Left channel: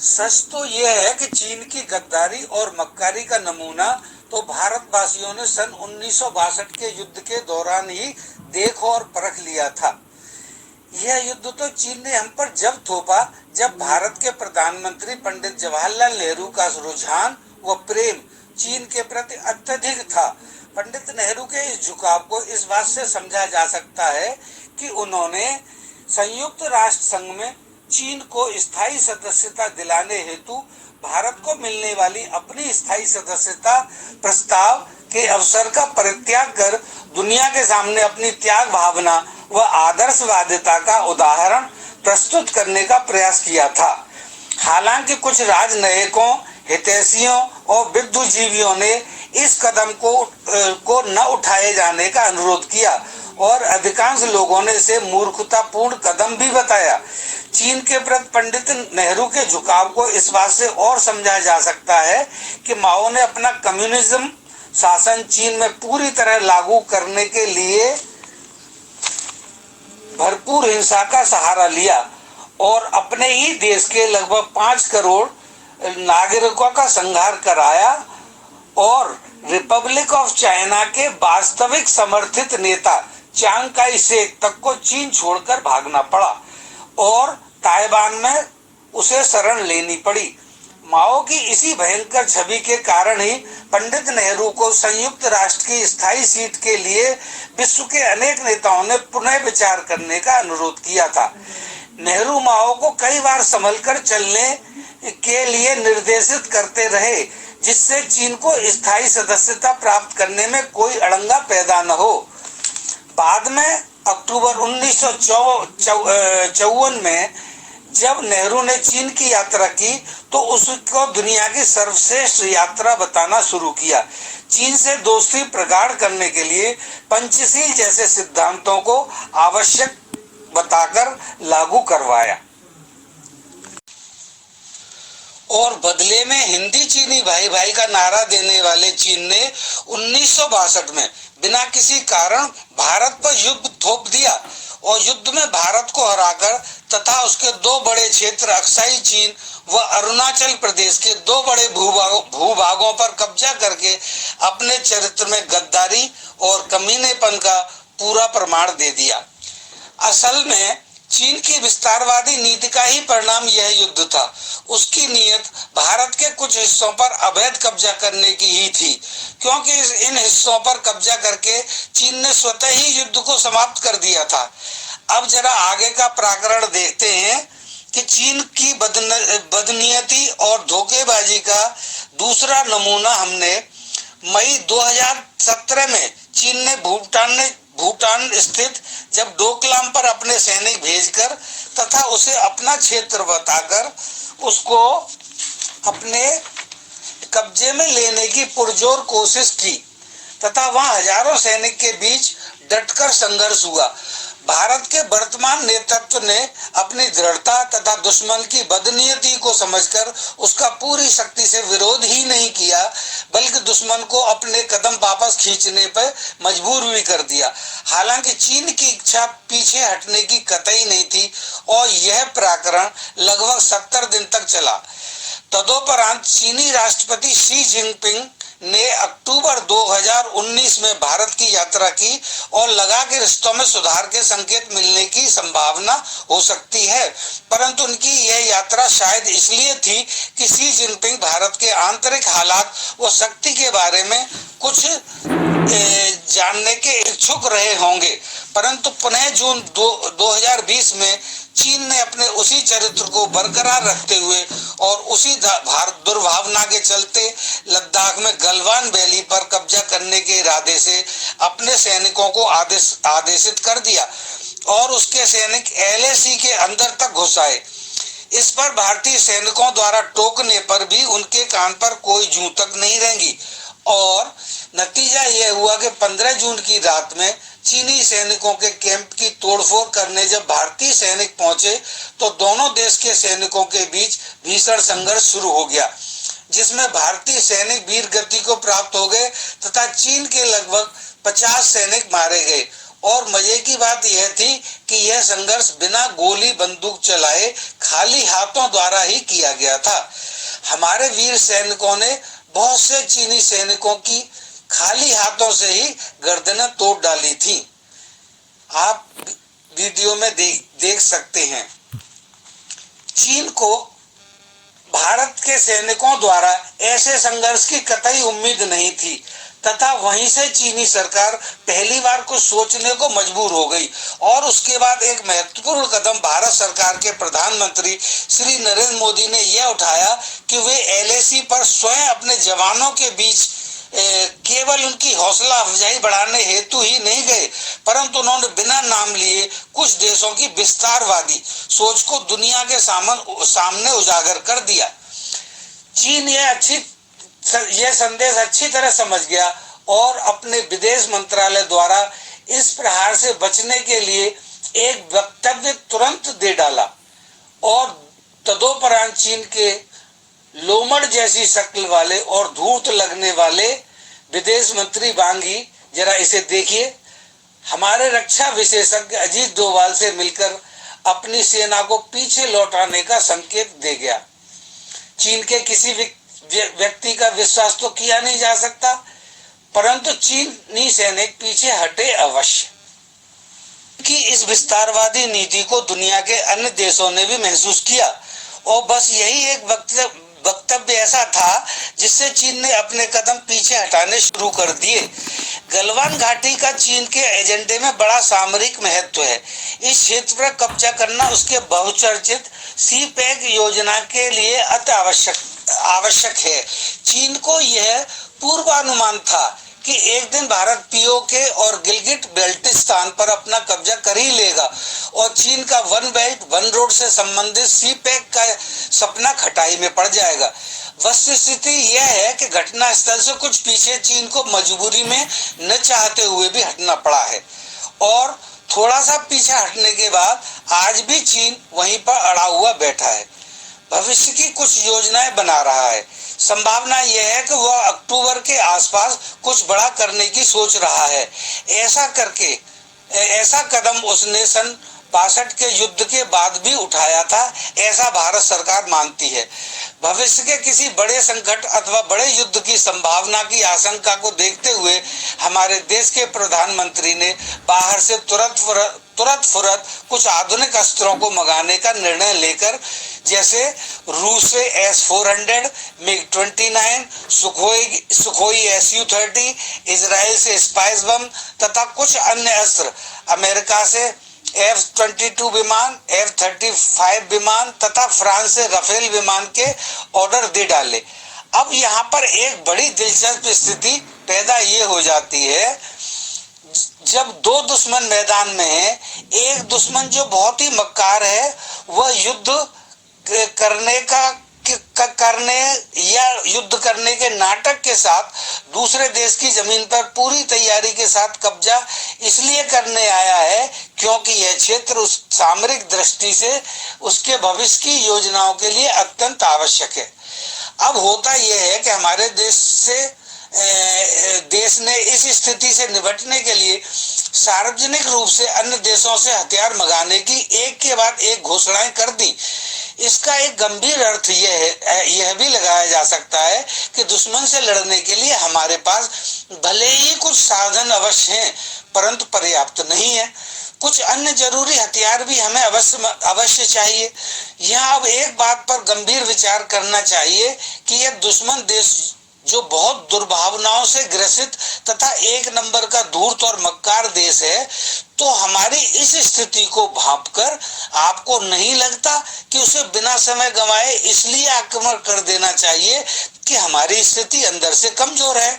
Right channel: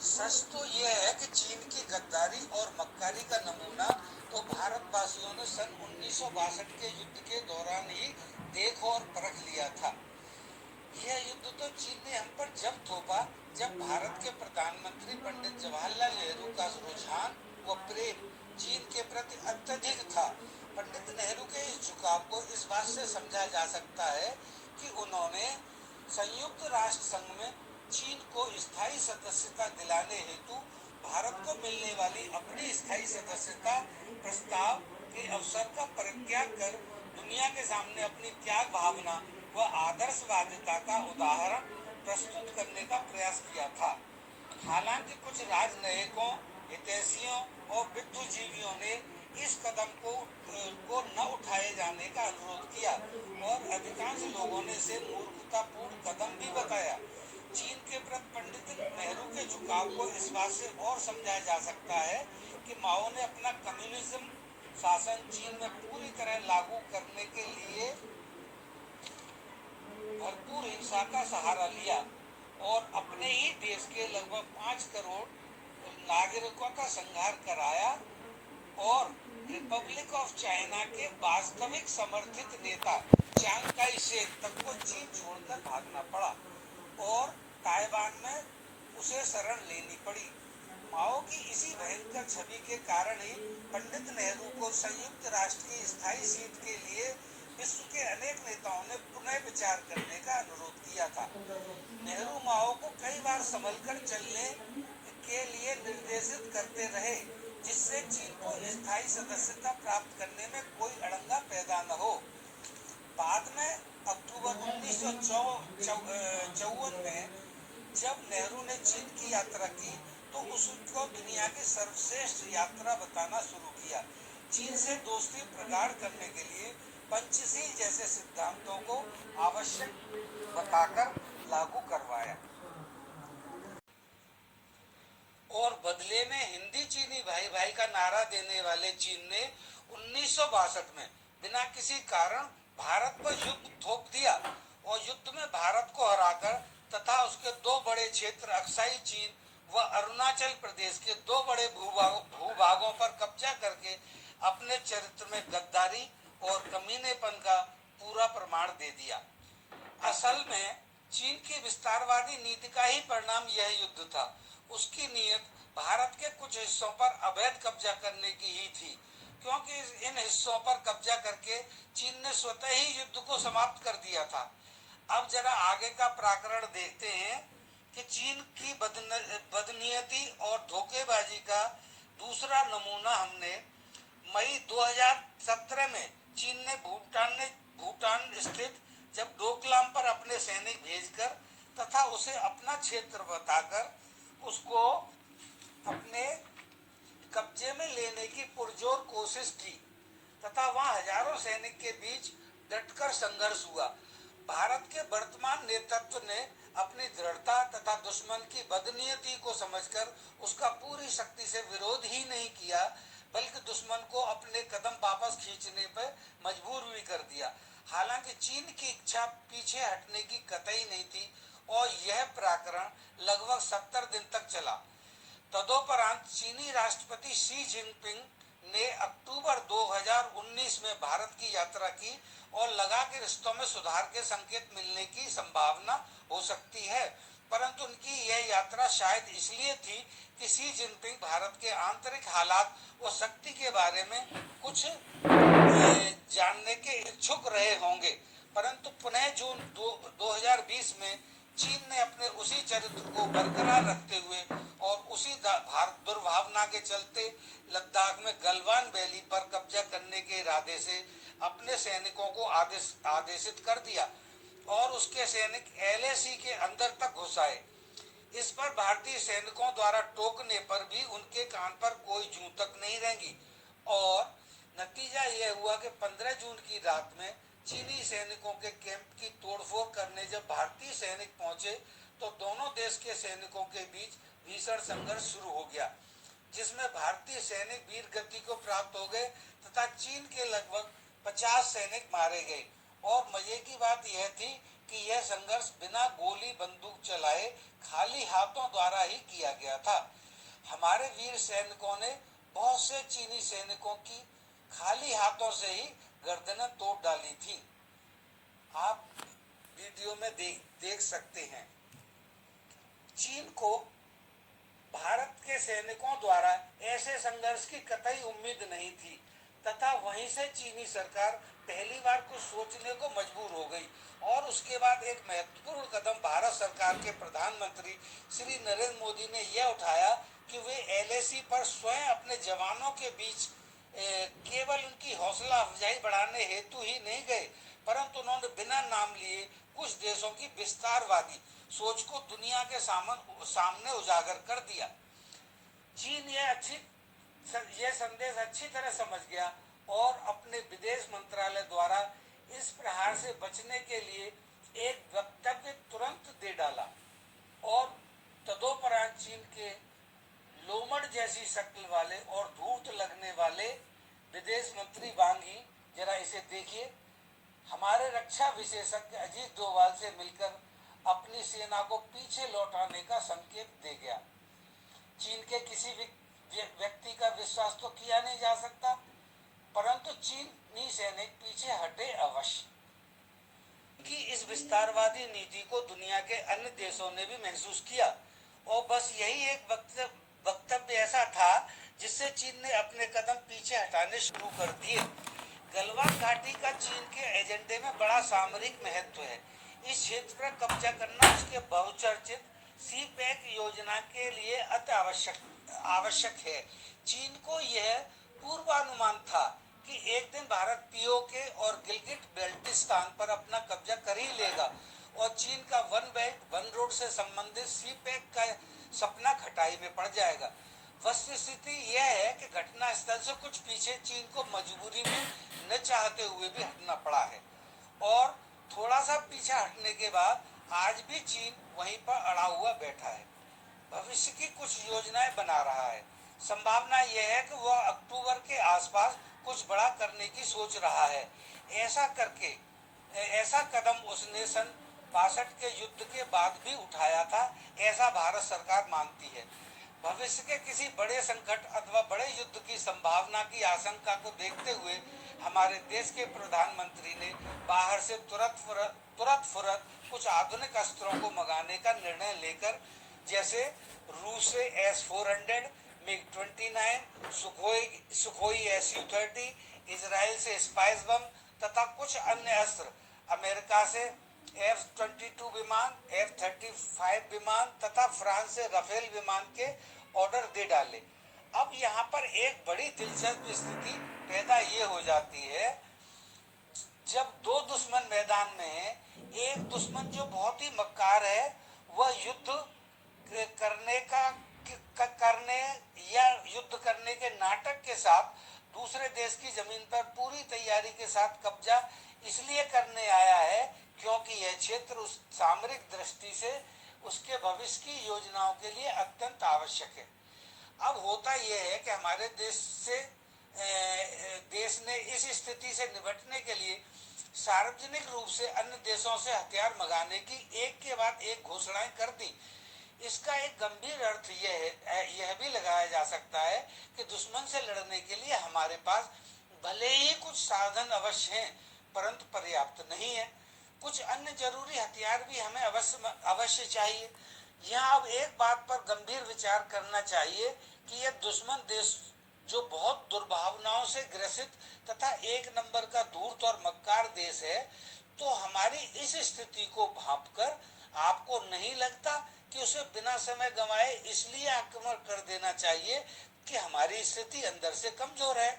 सच तो यह है कि चीन की गद्दारी और मक्कारी का नमूना तो भारतवासियों ने सन 1962 के युद्ध के दौरान ही देख और परख लिया था। यह युद्ध तो चीन ने हम पर जब थोपा जब भारत के प्रधानमंत्री पंडित जवाहरलाल नेहरू का रुझान व प्रेम चीन के प्रति अत्यधिक था। पंडित नेहरू के इस झुकाव को इस बात से समझा जा सकता है कि उन्होंने संयुक्त राष्ट्र संघ में चीन को स्थायी सदस्यता दिलाने हेतु भारत को मिलने वाली अपनी स्थायी सदस्यता प्रस्ताव के अवसर का परित्याग कर दुनिया के सामने अपनी त्याग भावना व आदर्शवादिता का उदाहरण प्रस्तुत करने का प्रयास किया था। हालांकि कुछ राजनयिकों, हितैषियों और विद्युजीवियों ने इस कदम को न उठाए जाने का अनुरोध किया और अधिकांश लोगों ने इसे मूर्खतापूर्ण कदम भी बताया। चीन के प्रति पंडित नेहरू के झुकाव को इस बात से और समझा जा सकता है कि माओ ने अपना कम्युनिज्म शासन चीन में पूरी तरह लागू करने के लिए भरपूर हिंसा का सहारा लिया और अपने ही देश के लगभग 5 करोड़ नागरिकों का संहार कराया और रिपब्लिक ऑफ चाइना के वास्तविक समर्थित नेता चांग काई शेक तक को चीन छोड़कर भागना पड़ा और ताइवान में उसे शरण लेनी पड़ी। माओ की इसी भयंकर छवि के कारण ही पंडित नेहरू को संयुक्त राष्ट्र की स्थायी सीट के लिए विश्व के अनेक नेताओं ने पुनः विचार करने का अनुरोध किया था। नेहरू माओ को कई बार संभलकर चलने के लिए निर्देशित करते रहे जिससे चीन को स्थायी सदस्यता प्राप्त करने में कोई अड़ंगा पैदा न हो। बाद में अक्टूबर 1954 में जब नेहरू ने चीन की यात्रा की तो उसको दुनिया की सर्वश्रेष्ठ यात्रा बताना शुरू किया। चीन से दोस्ती प्रगाढ़ करने के लिए पंचशील जैसे सिद्धांतों को आवश्यक बताकर लागू करवाया और बदले में हिंदी चीनी भाई भाई का नारा देने वाले चीन ने 1962 में बिना किसी कारण भारत पर युद्ध थोप दिया और युद्ध में भारत को हराकर तथा उसके 2 बड़े क्षेत्र अक्साई चीन व अरुणाचल प्रदेश के 2 बड़े भूभागों पर कब्जा करके अपने चरित्र में गद्दारी और कमीनेपन का पूरा प्रमाण दे दिया। असल में चीन की विस्तारवादी नीति का ही परिणाम यह युद्ध था। उसकी नीयत भारत के कुछ हिस्सों पर अवैध कब्जा करने की ही थी, क्योंकि इन हिस्सों पर कब्जा करके चीन ने स्वतः ही युद्ध को समाप्त कर दिया था। अब जरा आगे का प्रकरण देखते हैं कि चीन की बदनीयती और धोखेबाजी का दूसरा नमूना हमने मई 2017 में चीन ने भूटान स्थित जब डोकलाम पर अपने सैनिक भेजकर तथा उसे अपना क्षेत्र बताकर उसको अपने कब्जे में लेने की पुरजोर कोशिश की तथा वहां हजारों सैनिक के बीच डटकर संघर्ष हुआ। भारत के वर्तमान नेतृत्व ने अपनी दृढ़ता तथा दुश्मन की बदनीयती को समझकर उसका पूरी शक्ति से विरोध ही नहीं किया, बल्कि दुश्मन को अपने कदम वापस खींचने पर मजबूर भी कर दिया। हालांकि चीन की इच्छा पीछे हटने की कतई नहीं थी और यह प्रकरण लगभग 70 दिन तक चला। तदोपरांत चीनी राष्ट्रपति शी जिनपिंग ने अक्टूबर 2019 में भारत की यात्रा की और लगा कि रिश्तों में सुधार के संकेत मिलने की संभावना हो सकती है, परंतु उनकी यह यात्रा शायद इसलिए थी कि शी जिनपिंग भारत के आंतरिक हालात व शक्ति के बारे में कुछ जानने के इच्छुक रहे होंगे। परंतु पुनः जून 2020 में चीन ने अपने उसी चरित्र को बरकरार रखते हुए और उसी दुर्भावना के चलते लद्दाख में गलवान वैली पर कब्जा करने के इरादे से अपने सैनिकों को आदेशित कर दिया और उसके सैनिक LAC के अंदर तक घुस आए। इस पर भारतीय सैनिकों द्वारा टोकने पर भी उनके कान पर कोई जूं तक नहीं रेंगी और नतीजा यह हुआ कि 15 जून की रात में चीनी सैनिकों के कैंप की तोड़फोड़ करने जब भारतीय सैनिक पहुंचे तो दोनों देश के सैनिकों के बीच भीषण संघर्ष शुरू हो गया, जिसमें भारतीय सैनिक वीर गति को प्राप्त हो गए तथा चीन के लगभग 50 सैनिक मारे गए और मजे की बात यह थी कि यह संघर्ष बिना गोली बंदूक चलाए खाली हाथों द्वारा ही किया गया था। हमारे वीर सैनिकों ने बहुत से चीनी सैनिकों की खाली हाथों से ही गर्दनें तोड़ डाली थी। आप वीडियो में देख सकते हैं। चीन को भारत के सैनिकों द्वारा ऐसे संघर्ष की कतई उम्मीद नहीं थी तथा वहीं से चीनी सरकार पहली बार कुछ सोचने को मजबूर हो गई और उसके बाद एक महत्वपूर्ण कदम भारत सरकार के प्रधानमंत्री श्री नरेंद्र मोदी ने यह उठाया कि वे एलएसी पर स्वयं अपने जवानों के बीच केवल उनकी हौसला अफजाई बढ़ाने हेतु ही नहीं गए, परंतु उन्होंने बिना नाम लिए कुछ देशों की विस्तारवादी सोच को दुनिया के सामने उजागर कर दिया। चीन यह संदेश अच्छी तरह समझ गया और अपने विदेश मंत्रालय द्वारा इस प्रहार से बचने के लिए एक वक्तव्य तुरंत दे डाला और तदोपरांत चीन के लोमड़ जैसी शक्ल वाले और धूर्त लगने वाले विदेश मंत्री वांग यी, जरा इसे देखिए, हमारे रक्षा विशेषज्ञ अजीत डोभाल से मिलकर अपनी सेना को पीछे लौटाने का संकेत दे गया। चीन के किसी व्यक्ति का विश्वास तो किया नहीं जा सकता, परंतु चीनी सैनिक पीछे हटे अवश्य। कि इस विस्तारवादी नीति को दुनिया के अन्य देशों ने भी महसूस किया और बस यही एक वक्तव्य ऐसा था जिससे चीन ने अपने कदम पीछे हटाने शुरू कर दिए। गलवान घाटी का चीन के एजेंडे में बड़ा सामरिक महत्व है। इस क्षेत्र पर कब्जा करना उसके बहुचर्चित सी पैक योजना के लिए अति आवश्यक है। चीन को यह पूर्वानुमान था कि एक दिन भारत पीओके और गिलगिट बेल्टिस्तान पर अपना कब्जा कर ही लेगा और चीन का वन बेल्ट वन रोड से संबंधित सी पैक का सपना खटाई में पड़ जाएगा। वस्तुस्थिति यह है कि घटना स्थल से कुछ पीछे चीन को मजबूरी में न चाहते हुए भी हटना पड़ा है और थोड़ा सा पीछे हटने के बाद आज भी चीन वहीं पर अड़ा हुआ बैठा है। भविष्य की कुछ योजनाएं बना रहा है। संभावना यह है कि वह अक्टूबर के आसपास कुछ बड़ा करने की सोच रहा है। ऐसा कदम उसने सन 62 के युद्ध के बाद भी उठाया था, ऐसा भारत सरकार मानती है। भविष्य के किसी बड़े संकट अथवा बड़े युद्ध की संभावना की आशंका को देखते हुए हमारे देश के प्रधानमंत्री ने बाहर से तुरंत फुरत कुछ आधुनिक अस्त्रों को मंगाने का निर्णय लेकर, जैसे रूस से S-400, MiG-29, Sukhoi Su-30, Israel से स्पाइस बम तथा कुछ अन्य अस्त्र, अमेरिका से F-22 विमान, F-35 विमान तथा फ्रांस से राफेल विमान के ऑर्डर दे डाले। अब यहाँ पर एक बड़ी दिलचस्प स्थिति पैदा ये हो जाती है, जब दो दुश्मन मैदान में है, एक दुश्मन जो बहुत ही मक्कार है वह युद्ध करने के नाटक के साथ दूसरे देश की जमीन पर पूरी तैयारी के साथ कब्जा इसलिए करने आया है क्योंकि यह क्षेत्र उस सामरिक दृष्टि से उसके भविष्य की योजनाओं के लिए अत्यंत आवश्यक है। अब होता यह है कि हमारे देश ने इस स्थिति से निपटने के लिए सार्वजनिक रूप से अन्य देशों से हथियार मंगाने की एक के बाद एक घोषणाएं कर दी। इसका एक गंभीर अर्थ यह भी लगाया जा सकता है कि दुश्मन से लड़ने के लिए हमारे पास भले ही कुछ साधन अवश्य हैं, परंतु पर्याप्त नहीं है। कुछ अन्य जरूरी हथियार भी हमें अवश्य चाहिए। यहाँ अब एक बात पर गंभीर विचार करना चाहिए कि यह दुश्मन देश जो बहुत दुर्भावनाओं से ग्रसित तथा एक नंबर का धूर्त और मक्कार देश है, तो हमारी इस स्थिति को भांपकर आपको नहीं लगता कि उसे बिना समय गंवाए इसलिए आक्रमण कर देना चाहिए कि हमारी स्थिति अंदर से कमजोर है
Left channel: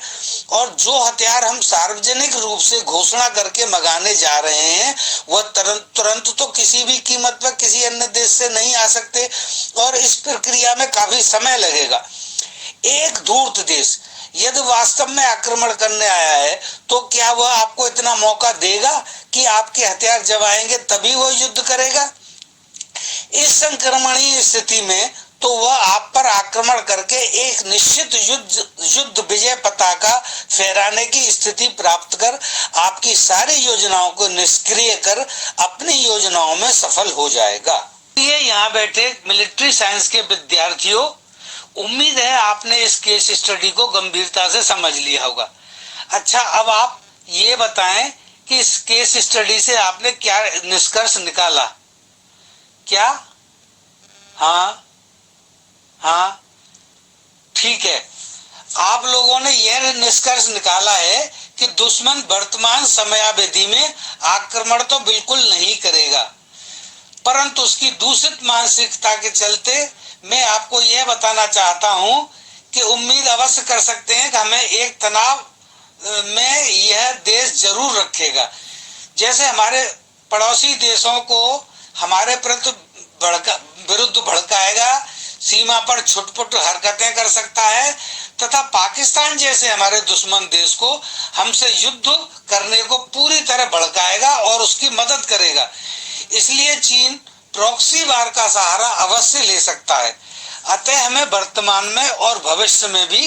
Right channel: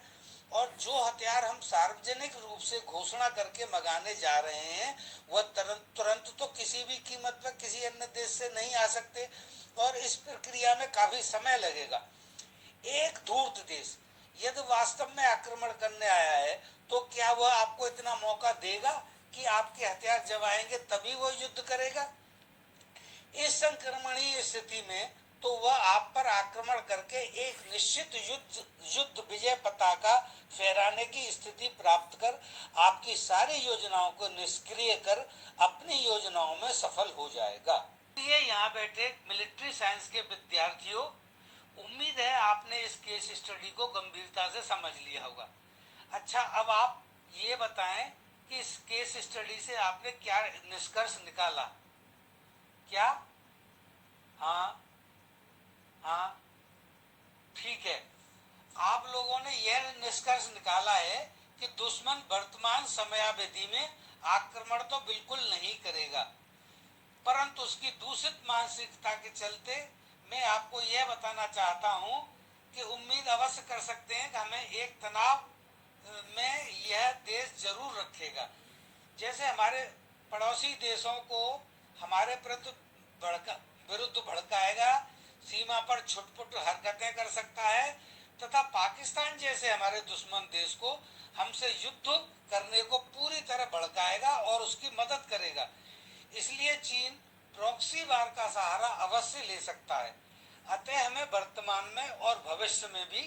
और जो हथियार हम सार्वजनिक रूप से घोषणा करके मंगाने जा रहे हैं वह तुरंत तो किसी भी कीमत पर किसी अन्य देश से नहीं आ सकते और इस प्रक्रिया में काफी समय लगेगा। एक धूर्त देश यदि वास्तव में आक्रमण करने आया है तो क्या वह आपको इतना मौका देगा कि आपके हथियार जब आएंगे तभी वह युद्ध करेगा? इस संक्रमणीय स्थिति में तो वह आप पर आक्रमण आक्रमण करके एक निश्चित युद्ध विजय पताका फहराने की स्थिति प्राप्त कर आपकी सारी योजनाओं को निष्क्रिय कर अपनी योजनाओं में सफल हो जाएगा। ये यहाँ बैठे मिलिट्री साइंस के विद्यार्थियों, उम्मीद है आपने इस केस स्टडी को गंभीरता से समझ लिया होगा। अच्छा, अब आप ये बताएं कि इस केस स्टडी से आपने क्या निष्कर्ष निकाला? क्या? हाँ हाँ, ठीक है। आप लोगों ने यह निष्कर्ष निकाला है कि दुश्मन वर्तमान समयावधि में आक्रमण तो बिल्कुल नहीं करेगा, परंतु उसकी दूषित मानसिकता के चलते मैं आपको यह बताना चाहता हूं कि उम्मीद अवश्य कर सकते हैं कि हमें एक तनाव में यह देश जरूर रखेगा। जैसे हमारे पड़ोसी देशों को हमारे विरुद्ध भड़काएगा, सीमा पर छुटपुट हरकतें कर सकता है, तथा पाकिस्तान जैसे हमारे दुश्मन देश को हमसे युद्ध करने को पूरी तरह भड़काएगा और उसकी मदद करेगा। इसलिए चीन प्रॉक्सी वार का सहारा अवश्य ले सकता है। अतः हमें वर्तमान में और भविष्य में भी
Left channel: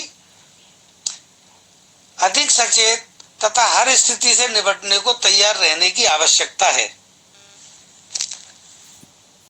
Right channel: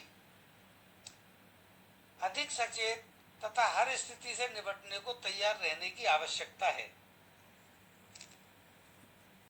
अधिक सचेत तथा हर स्थिति से निपटने को तैयार रहने की आवश्यकता है।